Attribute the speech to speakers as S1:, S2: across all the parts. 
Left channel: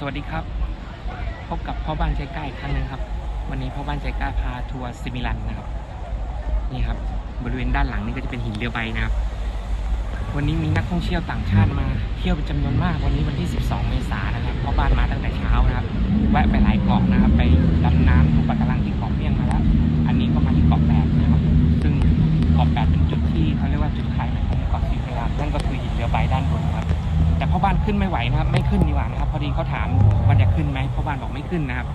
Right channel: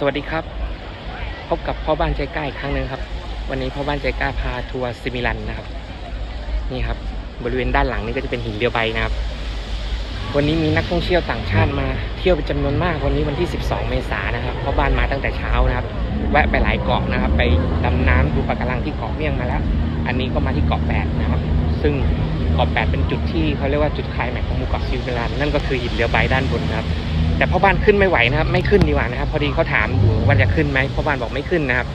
S1: สวัสดีครับ พบกับพ่อบ้านใจกล้าอีกครั้งหนึ่งครับ วันนี้พ่อบ้านใจกล้าพาทัวร์ซิมิลันนะครับ นี่ครับ บริเวณด้านหลังนี่ก็จะเป็นหินเรือใบนะครับ วันนี้มีนักท่องเที่ยวต่างชาติมาเที่ยวเป็นจำนวนมากวันนี้วันที่ 12 เมษายนนะครับพ่อบ้านมาตั้งแต่เช้านะครับ แวะไปหลายเกาะนะครับ ไปดำน้ำดูปะการังที่เกาะเมี่ยงมาแล้ว อันนี้ก็มาที่เกาะแปดนะครับ ซึ่งเกาะแปดเป็นจุดที่เขาเรียกว่าจุดคลายแม็กของหมู่เกาะซิมิลันนั่นก็คือหินเรือใบด้านบนนะครับ แต่พ่อบ้านขึ้นไม่ไหวนะครับ ไม่ขึ้นดีกว่านะครับ พอดีเขาถามอยู่ว่าจะขึ้นไหมพ่อบ้านบอกไม่ขึ้นนะครับ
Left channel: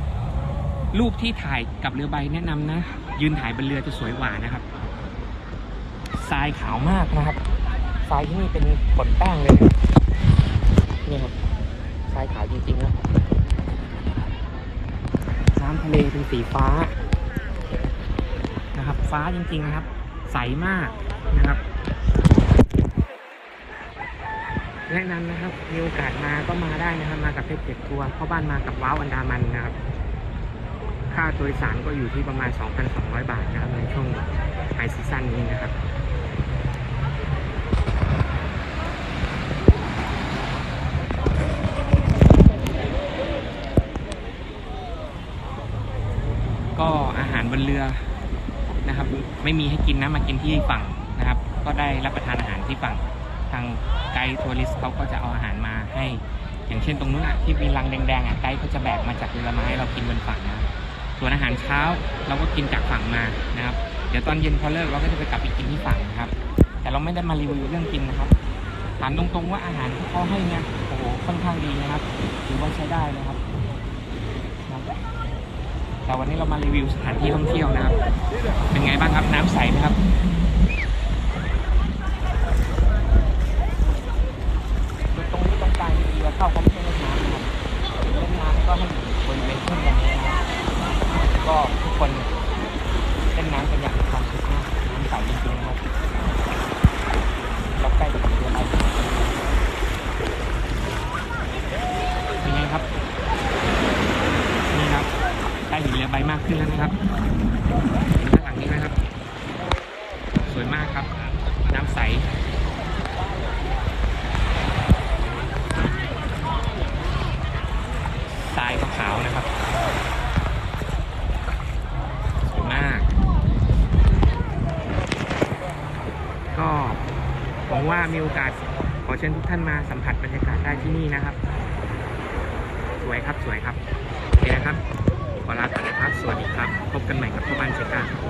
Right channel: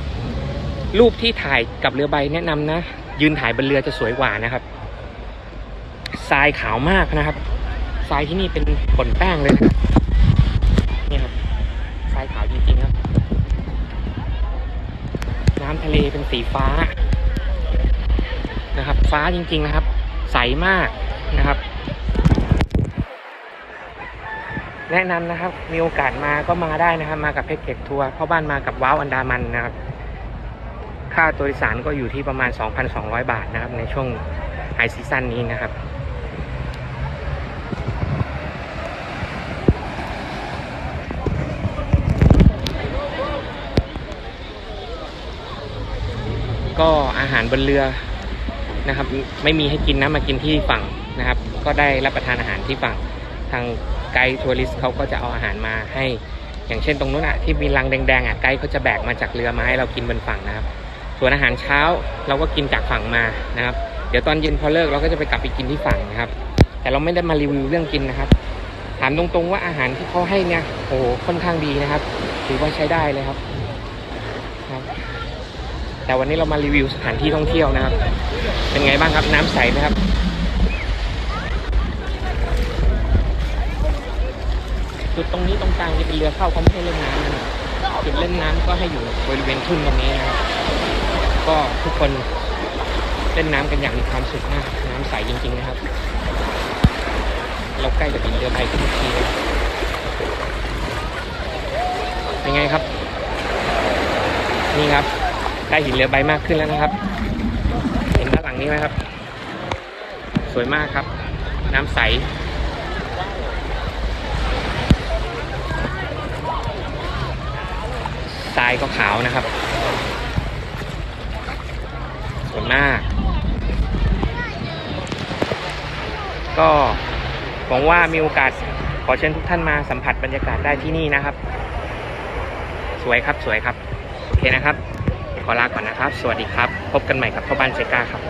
S1: รูปที่ถ่ายกับเรือใบแนะนำนะ ยืนถ่ายบนเรือจะสวยกว่านะครับทรายขาวมากนะครับทรายที่นี่เป็นผนแป้งเลยนะนี่ครับทรายขาวจริงๆครับน้ำทะเลเป็นสีฟ้านะครับ ฟ้าจริง ๆนะครับ ใสมากนะครับ แนะนำนะครับ มีโอกาสมาก็มาได้นะครับ มากับเพจเก็กทัวร์พ่อบ้านมากับว้าวอันดามันนะครับ ค่าตัวโดยสารก็อยู่ที่ประมาณ 2,200 บาทนะครับ ในช่วงไฮซีซั่นนี้นะครับก็อาหารบนเรือนะครับ ไม่มีให้กินนะมากินที่ฝั่งนะครับ ก็ได้รับประทานอาหารที่ฝั่ง ทางไกด์ทัวริสต์เขาก็จะเอาอาหารมาให้ อย่างเช่นตรงนู้นอะที่มีรังแดงๆอะไกด์เขาจะแบกมาจากเรือมาให้เรากินบนฝั่งนะครับ ส่วนอาหารเช้าเราก็กินจากฝั่งมานะครับ เดี๋ยวตอนเย็นพอเลิกเราก็จะไปกลับไปกินที่ฝั่งนะครับ แต่เราไม่ได้มารีวิวเรื่องกินนะครับ ถามตรงๆว่าอาหารที่เขาให้เนี่ยโอ้โหค่อนข้างดีนะครับถือว่าใช้ได้เลยครับครับแต่วันนี้เรามารีวิวสถานที่ท่องเที่ยวนะครับ เป็นไงบ้างครับน้ำใสไหมครับ จุดตรงนี้ตรงกลางจะเป็นเรือเข้าเขาไม่ให้เล่นน้ำนะครับจุดเล่นน้ำก็ให้อยู่บริเวณทุ่นตรงนี้นะครับ ก็ทุกคนเล่นน้ำกันอย่างมีความสุขมากน้ำใสจริงๆนะครับ เราใกล้จากหินเรือใบทุกทีเลยเป็นไงครับ นี่ครับใกล้หินเรือใบมากขึ้นแล้วนะครับ เห็นด้านหลังนี้ไหมครับ สวยมากครับ น้ำใส ทรายก็ขาวนะครับสวยมาก ก็หวังว่ามีโอกาสขอเชิญทุกท่านมาสัมผัสบรรยากาศได้ที่นี่นะครับ สวยครับสวยครับ โอเคนะครับ ขอลาก่อนนะครับ สวัสดีครับ พบกันใหม่กับพ่อบ้านเซกาครับ